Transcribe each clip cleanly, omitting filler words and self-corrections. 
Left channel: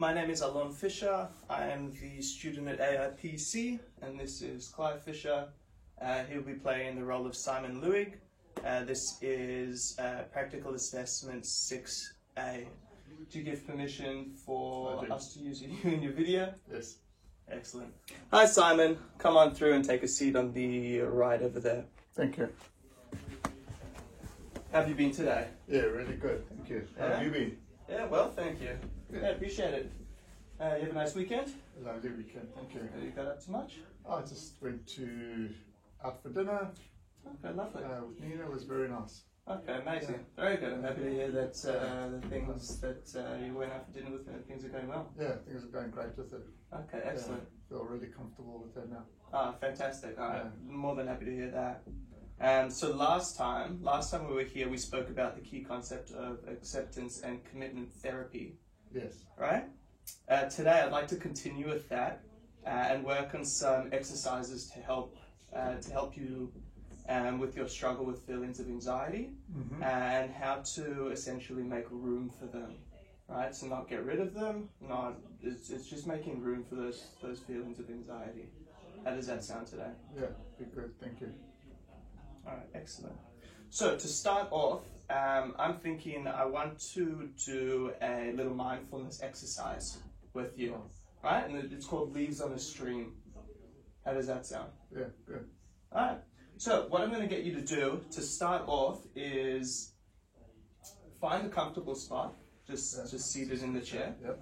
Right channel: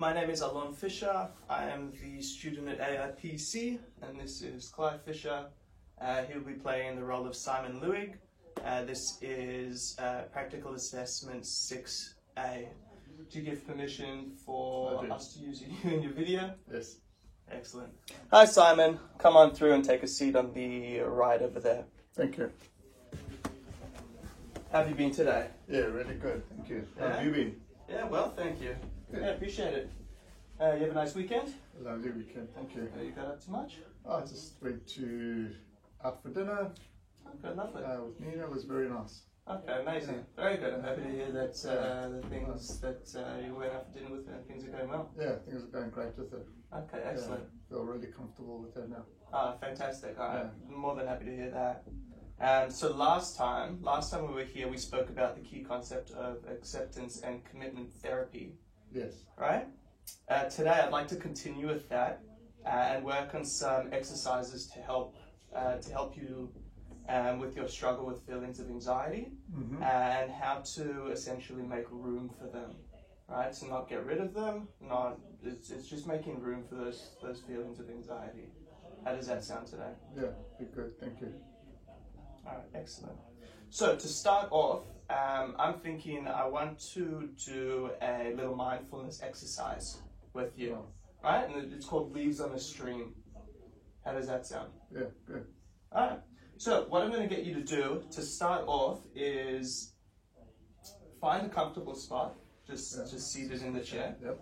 My name is Alon Fisher. I am the student at AIPC, and this is Clive Fisher. He'll be playing the role of Simon Lewig. This is Practical Assessment 6A. Do you give permission for us to use you in your video? Yes. Excellent. Hi Simon, come on through and take a seat on the right over there. Thank you. How have you been today? Yeah, really good. Thank you. How have you been? Yeah, well, thank you. Good. Yeah, appreciate it. You have a nice weekend? A lovely weekend. Thank you. You got up to much? I just went out for dinner Okay, lovely. with Nina. It was very nice. Okay, amazing. Very good. I'm happy to hear that the things that you went out for dinner with and things are going well. Yeah, things are going great with it. Okay, excellent. Feel really comfortable with it now. Ah, fantastic. I'm more than happy to hear that. So last time we were here, we spoke about the key concept of acceptance and commitment therapy. Yes. Right? Today I'd like to continue with that and work on some exercises to help you with your struggle with feelings of anxiety and how to essentially make room for them. Right? So not get rid of them, it's just making room for those feelings of anxiety. How does that sound today? Yeah, be good. Thank you. All right, excellent. So to start off, I'm thinking I want to do a little mindfulness exercise with you, right? And it's called Leaves on a Stream. How does that sound? Yeah, good. All right. So what I'm going to get you to do to start off is find a comfortable spot, just seated in the chair. Yep.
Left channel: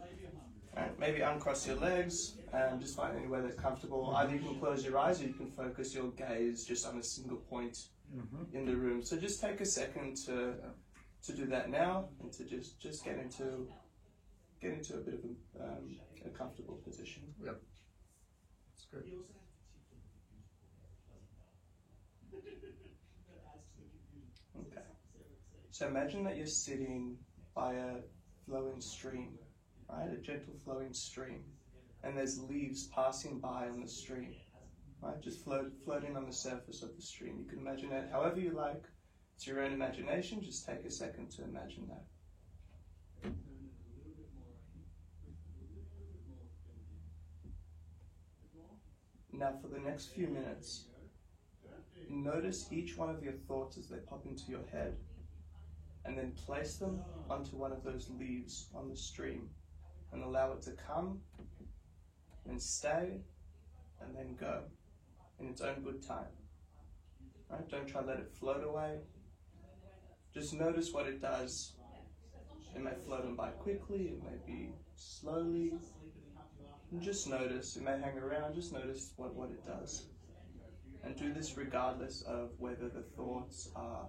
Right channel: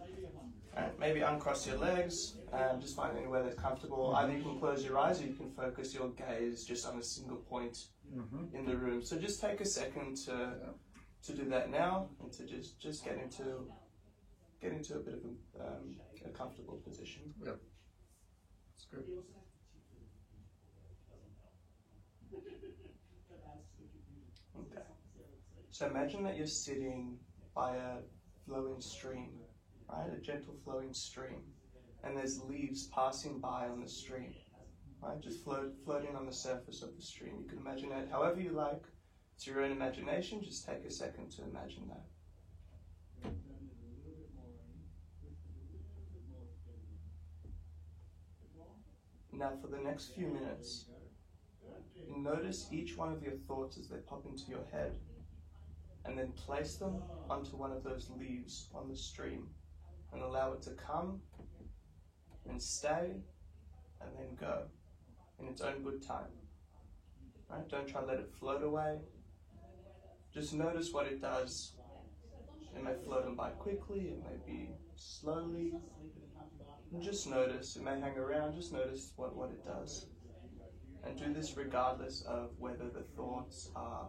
All right. Maybe uncross your legs. Just find anywhere that's comfortable. Either you can close your eyes or you can focus your gaze just on a single point in the room. So just take a second to do that now and to just get into a bit of a comfortable position. Yep. That's good. Okay. So imagine that you're sitting by a flowing stream, right? A gentle flowing stream. And there's leaves passing by on the stream, right? Just floating on the surface of the stream. You can imagine that however you like. It's your own imagination. Just take a second to imagine that. Now for the next few minutes, notice each one of your thoughts as they pop into your head, and then place them onto one of those leaves on the stream and allow it to come and stay, and then go in its own good time. Right? Don't try to let it float away. Just notice what it does. It may float on by quickly, it may be slowly. And just notice. It may hang around, just notice what it does. And do this regardless of whether the thoughts are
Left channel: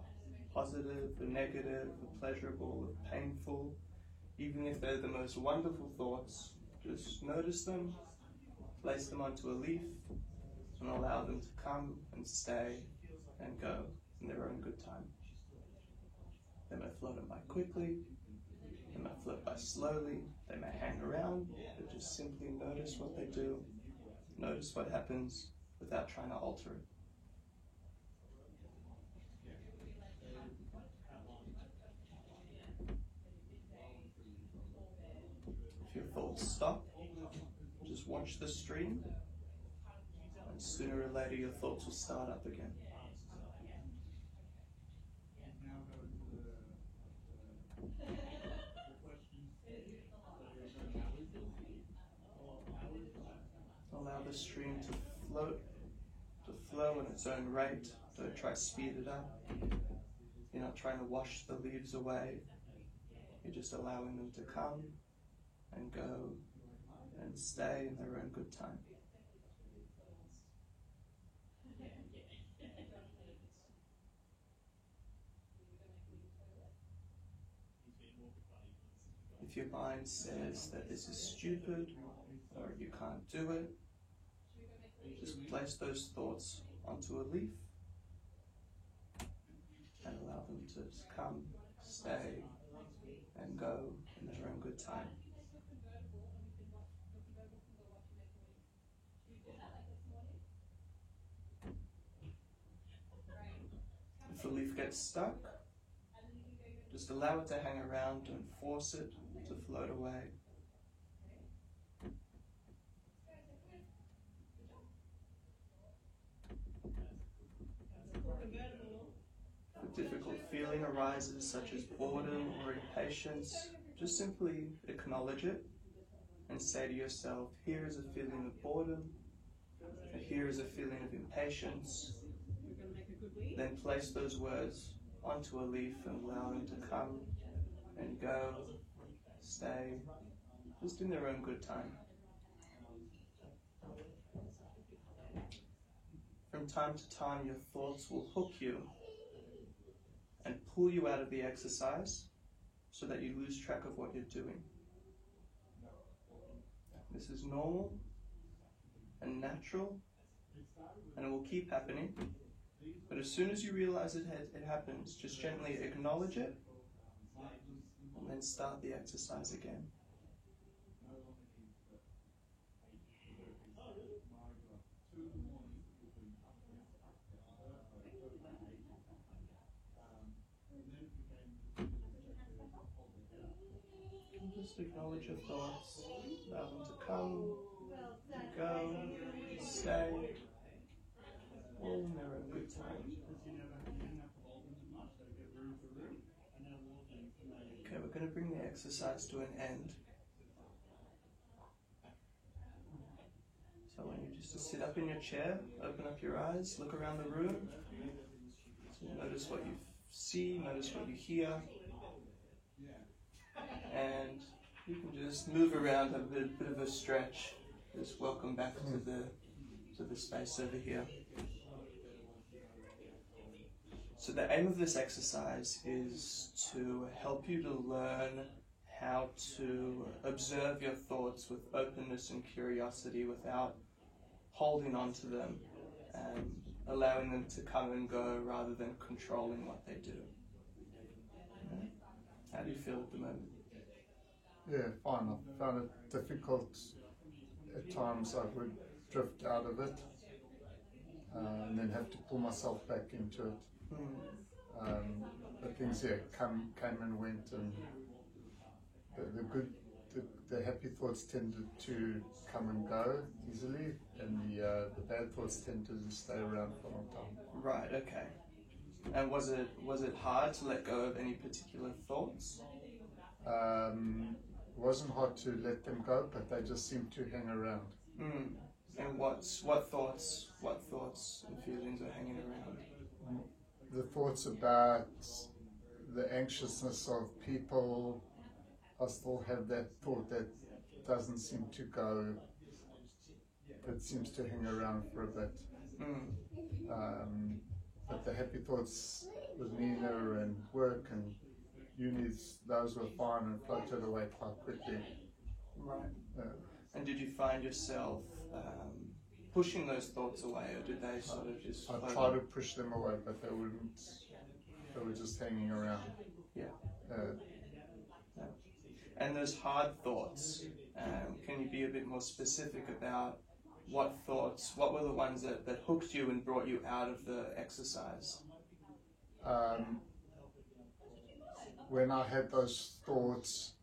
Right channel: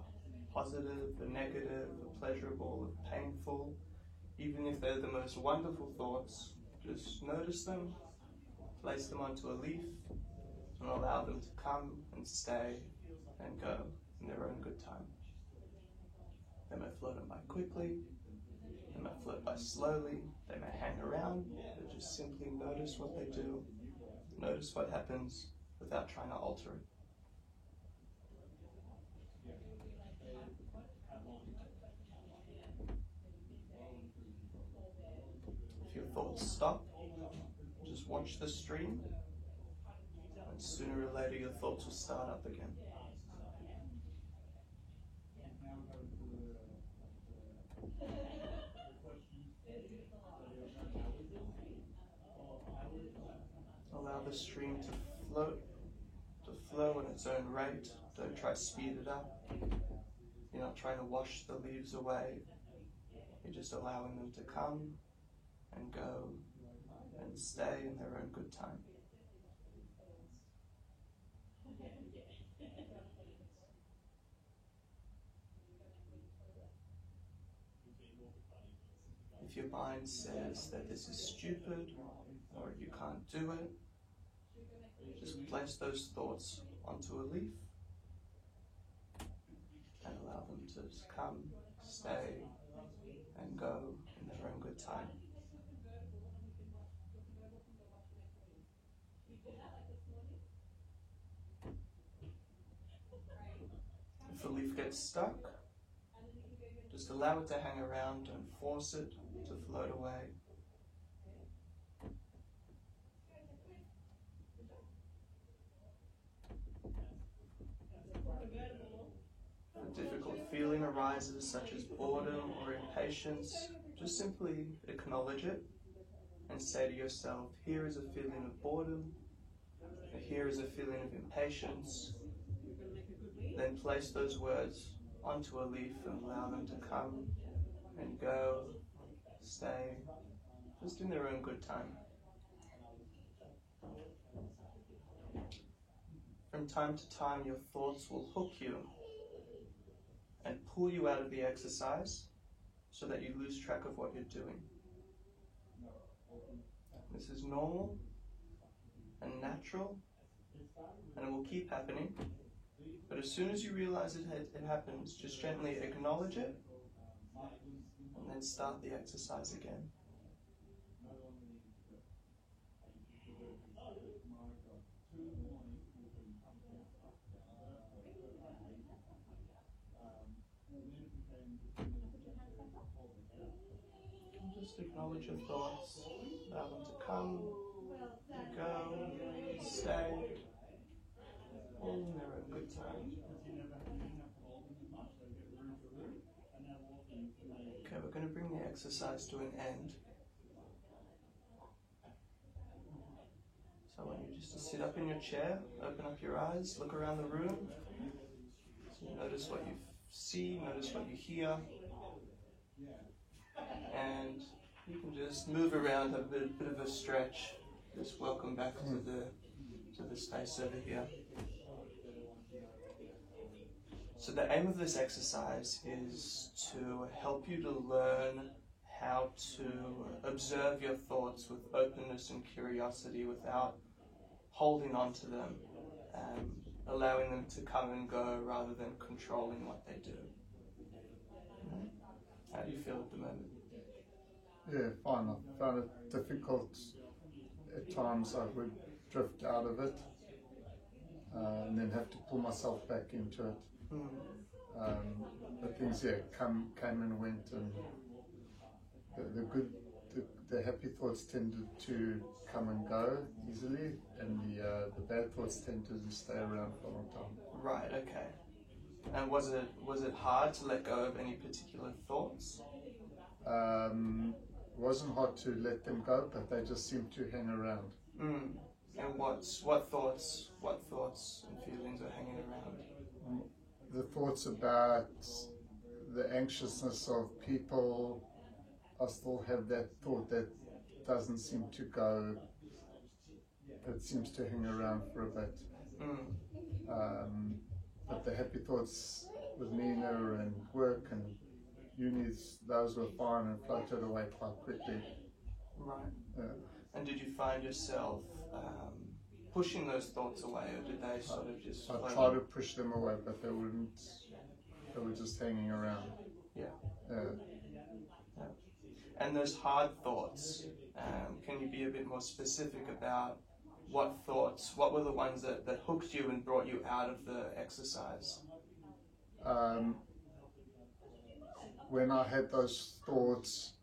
positive, or negative, or pleasurable, or painful. Even if they're the most wonderful thoughts, just notice them. Place them onto a leaf and allow them to come and stay and go in their own good time. They may float on by quickly, they may float by slowly, they may hang around, but just simply notice what they do, notice what happens without trying to alter it. If your thoughts stop, just watch the stream, and sooner or later your thoughts will start up again. Allow the stream to flow in its own rate. Don't try to speed it up. You're not trying to wash the leaves away. You're just allowing them to come and go and stay in their own good time. If your mind says that this is stupid or you can't do it, just place those thoughts onto a leaf and allow them to come, stay, and go in their own good time. If the leaf gets stuck, just allow it to hang around, don't force it to float away. feeling arises, such as boredom or impatience, just simply acknowledge it and say to yourself, here is a feeling of boredom, and here is a feeling of impatience. Then place those words onto a leaf and allow them to come and go, stay, just in their own good time. From time to time, your thoughts will hook you and pull you out of the exercise so that you lose track of what you're doing. This is normal and natural, and it will keep happening. But as soon as you realize it happens, just gently acknowledge it and then start the exercise again. Just acknowledge your thoughts, allow them to come, go, stay, all in their own good time. Okay, we're going to bring the exercise to an end. So I want you just to sit up in your chair, open up your eyes, look around the room, notice what you see, notice what you hear, and you can just move around, have a bit of a stretch. Just welcome back to the space over here. So the aim of this exercise is to help you to learn how to observe your thoughts with openness and curiosity without holding on to them, allowing them to come and go rather than controlling what they do. How do you feel at the moment? Yeah, fine. I found it difficult at times. I would drift out of it and then have to pull myself back into it. But things came and went, and the happy thoughts tended to come and go easily, and the bad thoughts tended to stay around for a long time. Right. Okay. And was it hard to let go of any particular thoughts? It wasn't hard to let them go, but they just seemed to hang around. And what thoughts and feelings are hanging around? The thoughts about the anxiousness of people. I still have that thought that doesn't seem to go. It seems to hang around for a bit. But the happy thoughts with Nina and work and unis, those were fine and floated away quite quickly. Right. And did you find yourself pushing those thoughts away, or did they sort of just... I tried to push them away, but they wouldn't. They were just hanging around. Yeah. And those hard thoughts, can you be a bit more specific about what were the ones that hooked you and brought you out of the exercise? When I had those thoughts,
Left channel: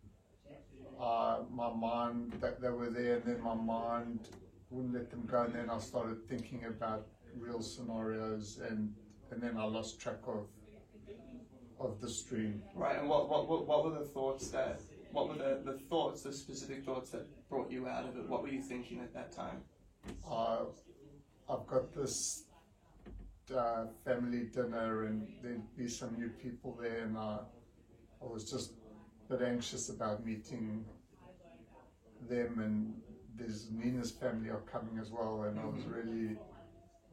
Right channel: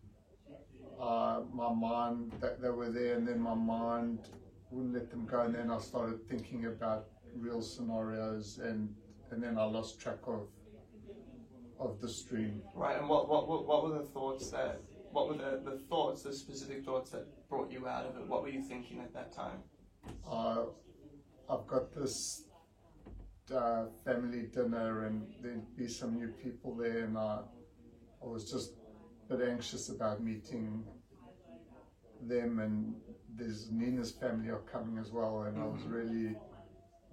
my mind, they were there, and then my mind wouldn't let them go, and then I started thinking about real scenarios, and then I lost track of the stream. Right. And what were the thoughts the specific thoughts that brought you out of it? What were you thinking at that time? I've got this family dinner, and there'd be some new people there, and I was just a bit anxious about meeting them, and there's Nina's family are coming as well, and I was really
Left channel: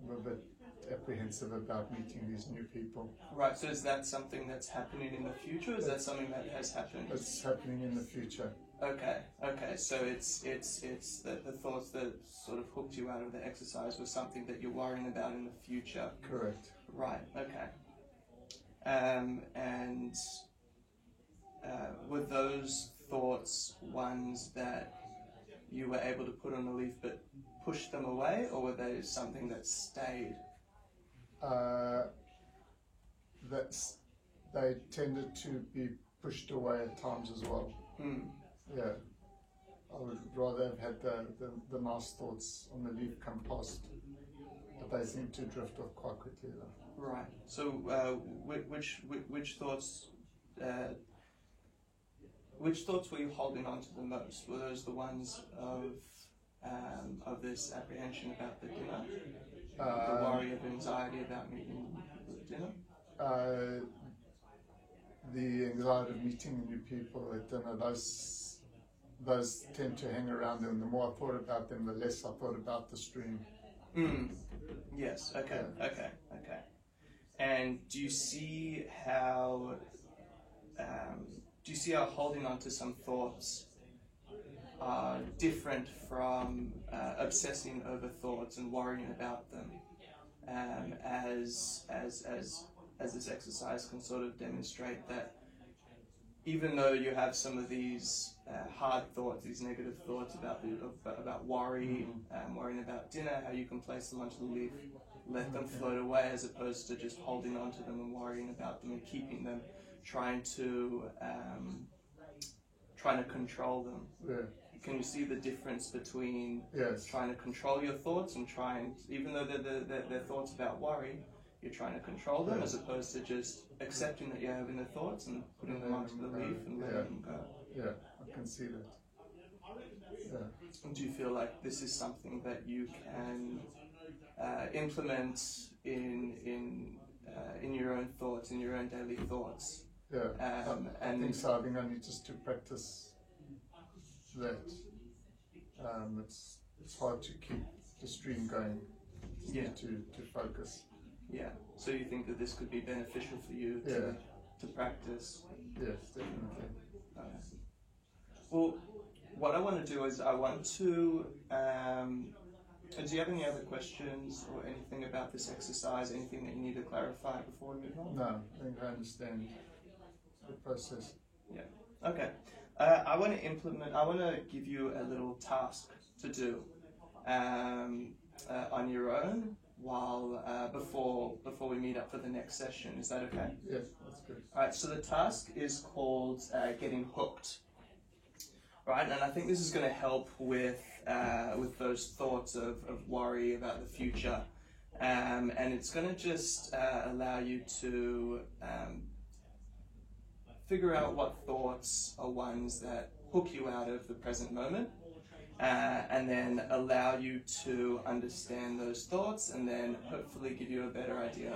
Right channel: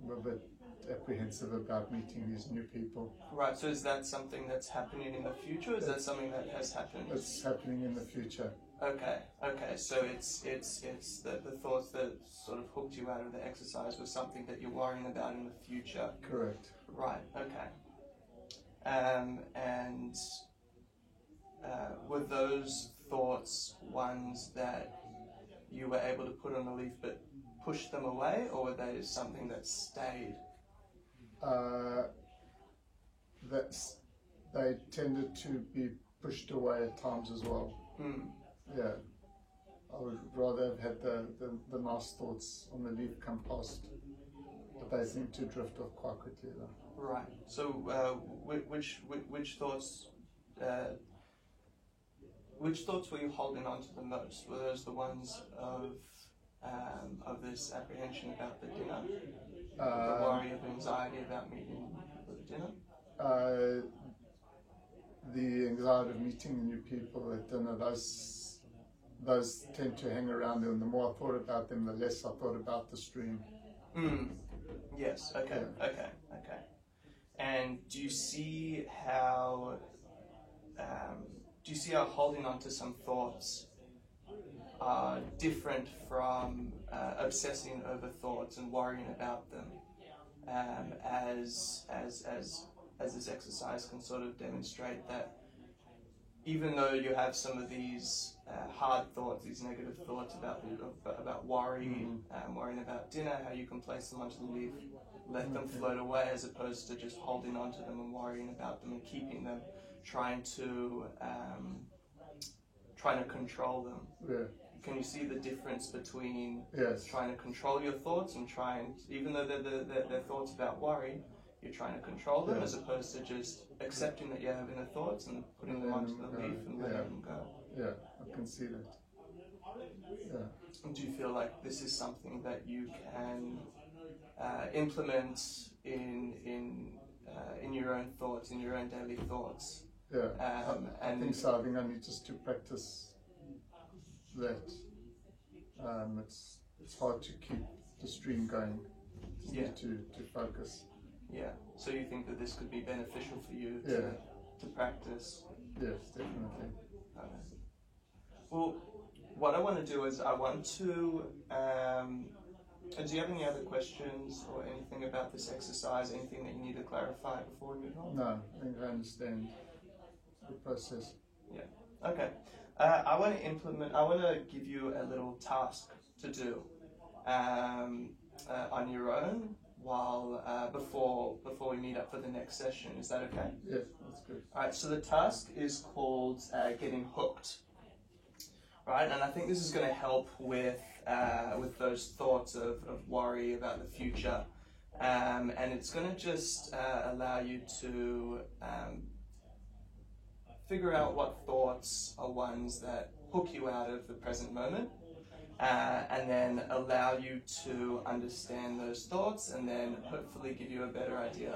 a bit apprehensive about meeting these new people. Right, so is that something that's happening in the future, or is that something that has happened? It's happening in the future. Okay, so it's the thoughts that sort of hooked you out of the exercise was something that you're worrying about in the future. Correct. Right, okay. And were those thoughts ones that you were able to put on a leaf but push them away, or were they something that stayed? They tended to be pushed away at times as well. Yeah, I would rather have had the nice thoughts on the leaf come past, but they seem to drift off quite quickly though. Right. So, which thoughts were you holding on to the most? Were those the ones of this apprehension about the dinner, the worry of anxiety about meeting the dinner? The anxiety of meeting new people at dinner, those tend to hang around, and the more I thought about them, the less I thought about the stream. Yes. Okay. Yeah. Okay. And do you see how holding on to some thoughts are different from obsessing over thoughts and worrying about them, as this exercise can sort of demonstrate that even though you have some of these hard thoughts, these negative thoughts about worry, worrying about dinner, how you can place them onto the leaf, let them float away, as opposed to just holding on to them and worrying about them and keeping them, trying to control them. Yeah. Can you see the difference between Yes. trying to control your thoughts and even though they're thoughts about worry, you're trying to control them, as opposed to just accepting that you're having the thoughts and putting them onto the leaf and letting them go. Yeah, I can see that. Yeah. Do you feel like this is something that you can implement in your own thoughts, in your own daily thoughts? Yeah, I think so. I think I need just to practice that. It's hard to keep the stream going. You need to focus. Yeah. So you think that this could be beneficial for you to practice? Yes, definitely. Well, what I want to do is I want to. Do you have any other questions or anything about this exercise? Anything that you need to clarify before we move on? No, I think I understand the process. Yeah. Okay. I want to give you a little task to do on your own before we meet up for the next session. Is that okay? Yes, that's good. All right. So the task is called getting hooked. Right, and I think this is going to help with those thoughts of worry about the future, and it's going to just allow you to figure out what thoughts are ones that hook you out of the present moment, and then allow you to understand those thoughts, and then hopefully give you a better idea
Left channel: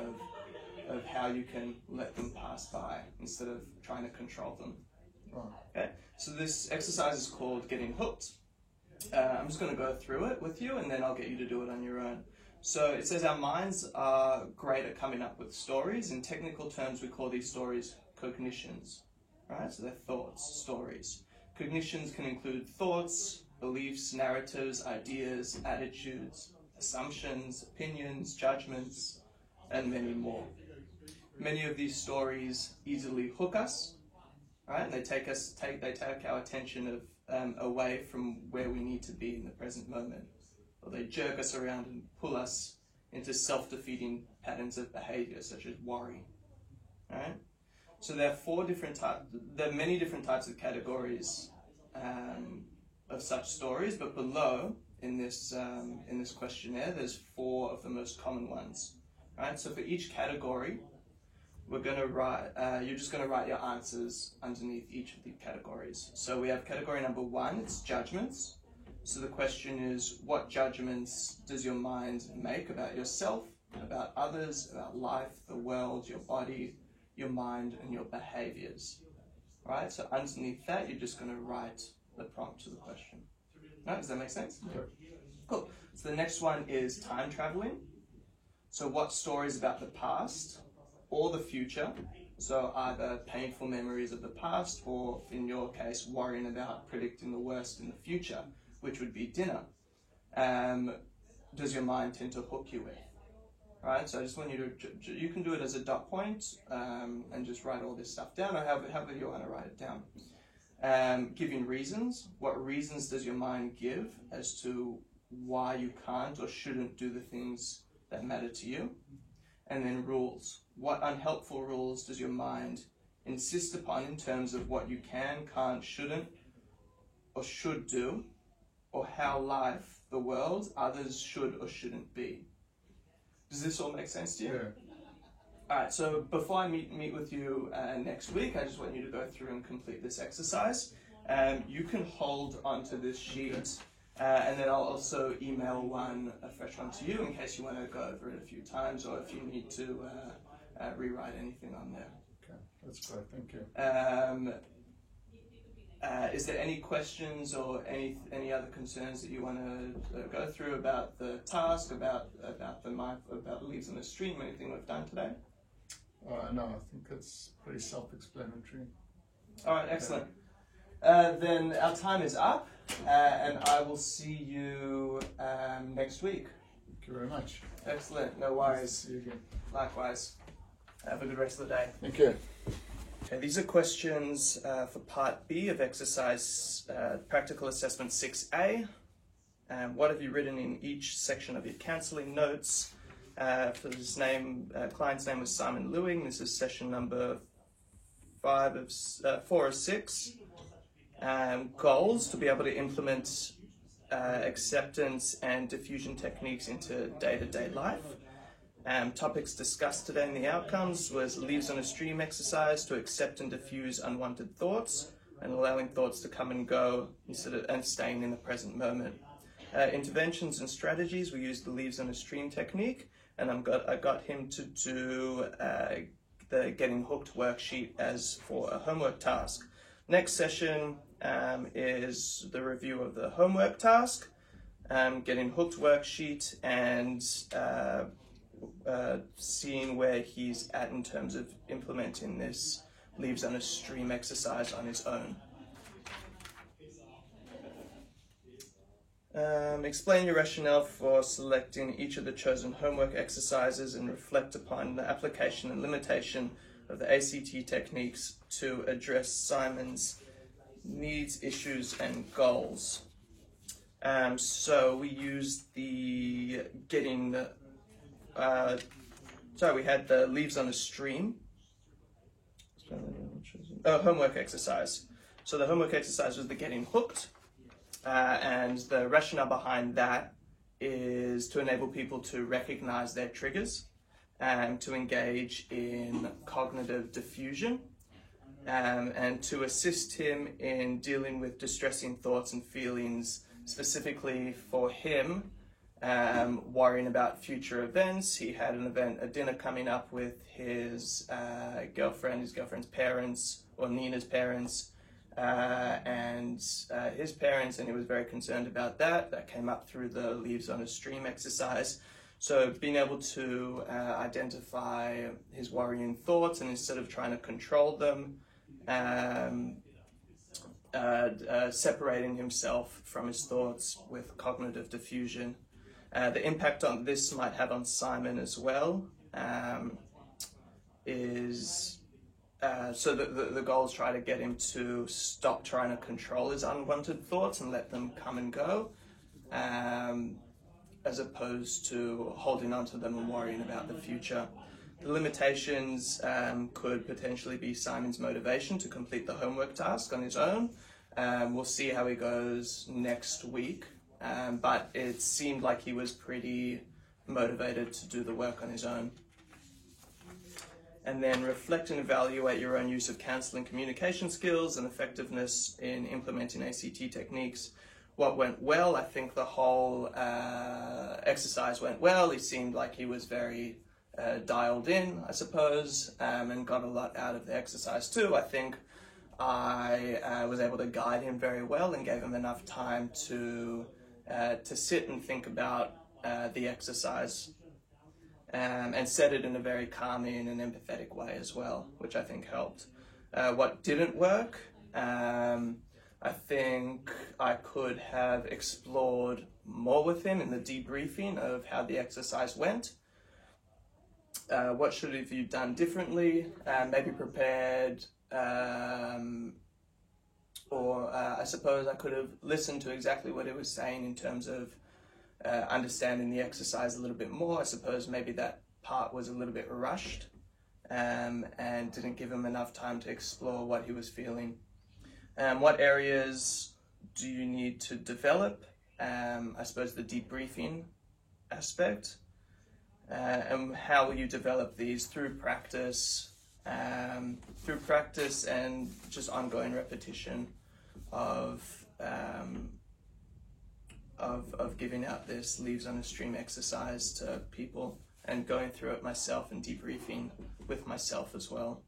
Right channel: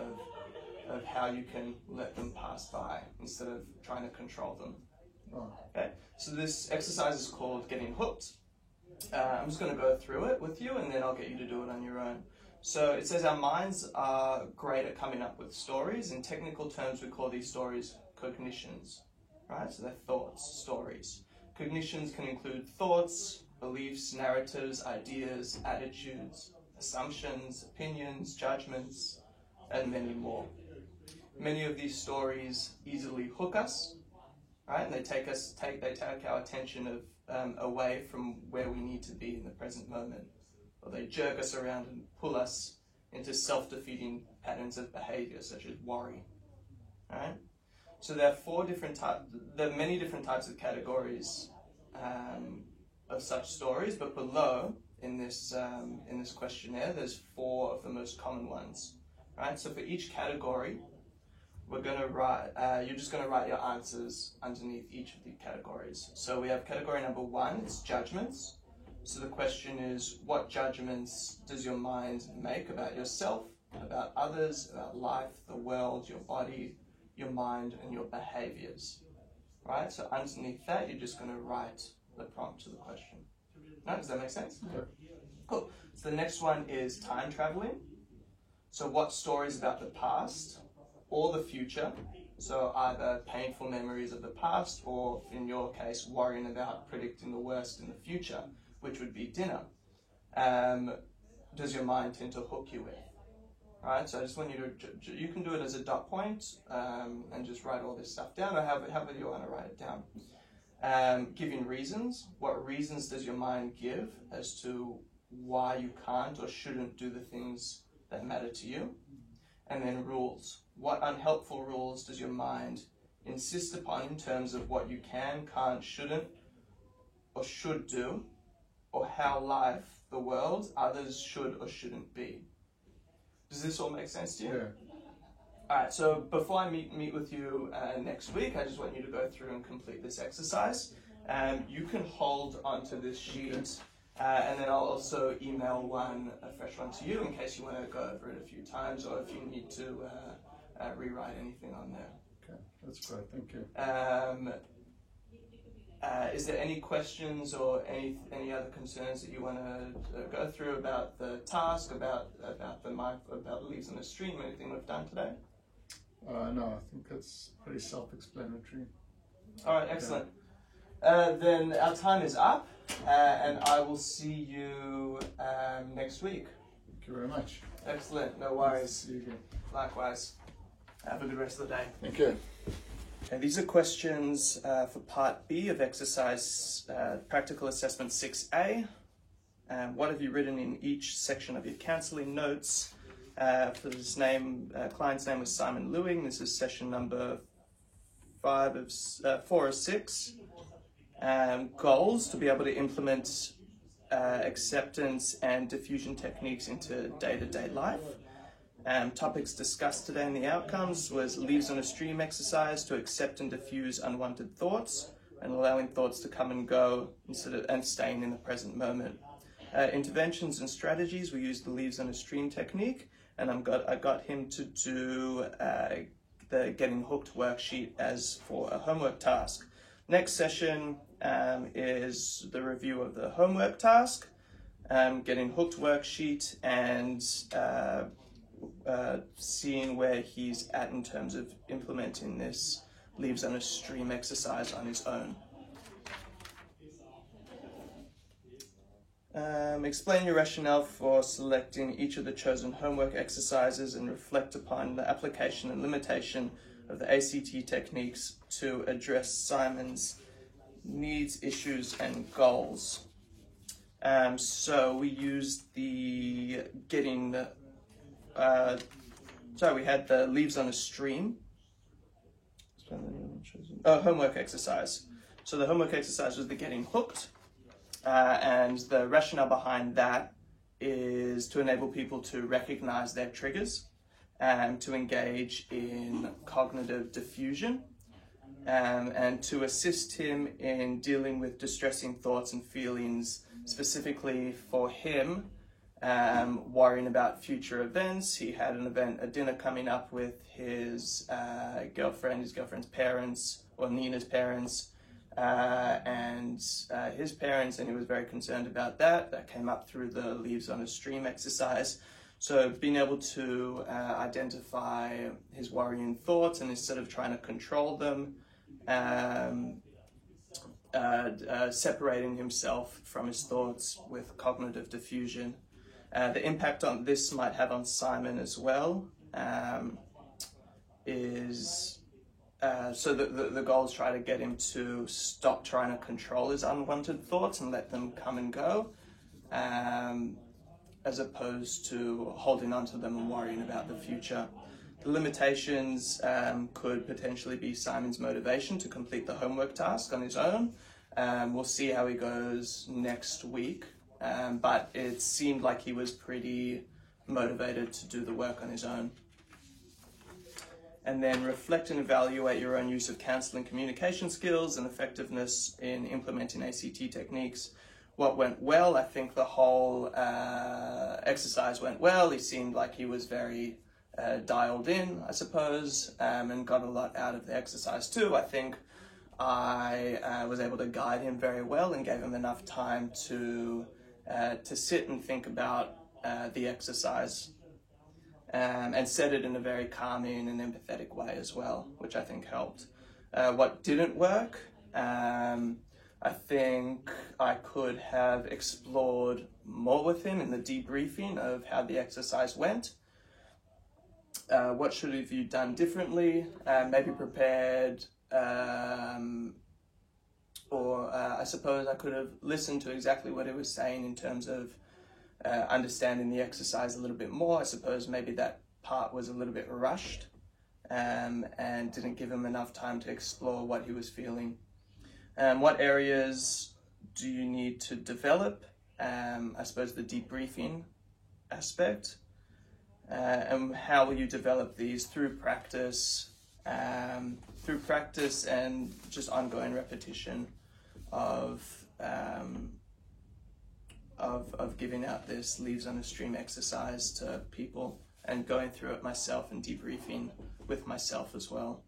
of how you can let them pass by instead of trying to control them. Okay, so this exercise is called getting hooked. I'm just going to go through it with you, and then I'll get you to do it on your own. So it says our minds are great at coming up with stories. In technical terms, we call these stories cognitions, right? So they're thoughts, stories. Cognitions can include thoughts, beliefs, narratives, ideas, attitudes, assumptions, opinions, judgments, and many more. Many of these stories easily hook us, right? And they take our attention away from where we need to be in the present moment, or they jerk us around and pull us into self-defeating patterns of behavior, such as worry. All right. So there are many different types of categories of such stories, but below in this questionnaire, there's 4 of the most common ones. Right. So for each category, we're going to write. You're just going to write your answers underneath each of the categories. So we have category number 1. It's judgments. So the question is, what judgments does your mind make about yourself, about others, about life, the world, your body, your mind, and your behaviors? Right. So underneath that, you're just going to write the prompt to the question. No, does that make sense? Yeah. Cool. So the next one is time traveling. So what stories about the past or the future, so either painful memories of the past or, in your case, worrying about predicting the worst in the future, which would be dinner, does your mind tend to hook you with? Right, so I just want you to, you can do it as a dot point and just write all this stuff down, or however you want to write it down. Giving reasons. What reasons does your mind give as to why you can't or shouldn't do the things that matter to you? And then rules. What unhelpful rules does your mind insist upon in terms of what you can, can't, shouldn't, or should do, or how life, the world, others should or shouldn't be? Does this all make sense to you? Yeah. All right, so before I meet with you next week, I just want you to go through and complete this exercise. You can hold onto this sheet, and then I'll also email a fresh one to you in case you want to go over it a few times, or if you need to rewrite anything on there. Okay, that's great. Thank you. Is there any questions or any other concerns that you want to go through about the task, about leaves on a stream, anything we've done today? No, I think it's pretty self-explanatory. All right, excellent. Then our time is up, and I will see you next week. Thank you very much. Excellent, no worries. See you again. Likewise. Have a good rest of the day. Thank you. Okay, these are questions for Part B of exercise Practical Assessment 6A. What have you written in each section of your counselling notes? For this client's name was Simon Lewing. This is session number 4 of 6. Goals: to be able to implement acceptance and diffusion techniques into day-to-day life. Topics discussed today in the outcomes was leaves on a stream exercise to accept and diffuse unwanted thoughts and allowing thoughts to come and go and staying in the present moment. Interventions and strategies, we used the leaves on a stream technique, and I got him to do the Getting Hooked worksheet as for a homework task. Next session is the review of the homework task, Getting Hooked worksheet, and seeing where he's at in terms of implementing this leaves on a stream exercise on his own. Explain your rationale for selecting each of the chosen homework exercises and reflect upon the application and limitation of the ACT techniques to address Simon's needs, issues, and goals. So we used we had the leaves on a stream. Homework exercise. So the homework exercise was the Getting Hooked. And the rationale behind that is to enable people to recognize their triggers and to engage in cognitive diffusion, and to assist him in dealing with distressing thoughts and feelings, specifically for him, worrying about future events. He had a dinner coming up with his girlfriend's parents, or Nina's parents, and his parents, and he was very concerned about that. That came up through the leaves on a stream exercise. So being able to identify his worrying thoughts, and instead of trying to control them, separating himself from his thoughts with cognitive diffusion. The impact on this might have on Simon as well is so the goal is try to get him to stop trying to control his unwanted thoughts and let them come and go, as opposed to holding on to them and worrying about the future. The limitations could potentially be Simon's motivation to complete the homework task on his own. We'll see how he goes next week, but it seemed like he was pretty motivated to do the work on his own. And then reflect and evaluate your own use of counselling communication skills and effectiveness in implementing ACT techniques. What went well? I think the whole exercise went well. He seemed like he was very dialed in, I suppose, and got a lot out of the exercise too. I think I was able to guide him very well and gave him enough time to sit and think about the exercise. And said it in a very calming and empathetic way as well, which I think helped. What didn't work? I think I could have explored more with him in the debriefing of how the exercise went. What should have you done differently? Maybe prepared, or I suppose I could have listened to exactly what he was saying in terms of understanding the exercise a little bit more. I suppose maybe that part was a little bit rushed, and didn't give him enough time to explore what he was feeling. What areas do you need to develop? I suppose the debriefing aspect. And how will you develop these? Through practice and just ongoing repetition of giving out this leaves on a stream exercise to people, and going through it myself and debriefing with myself as well.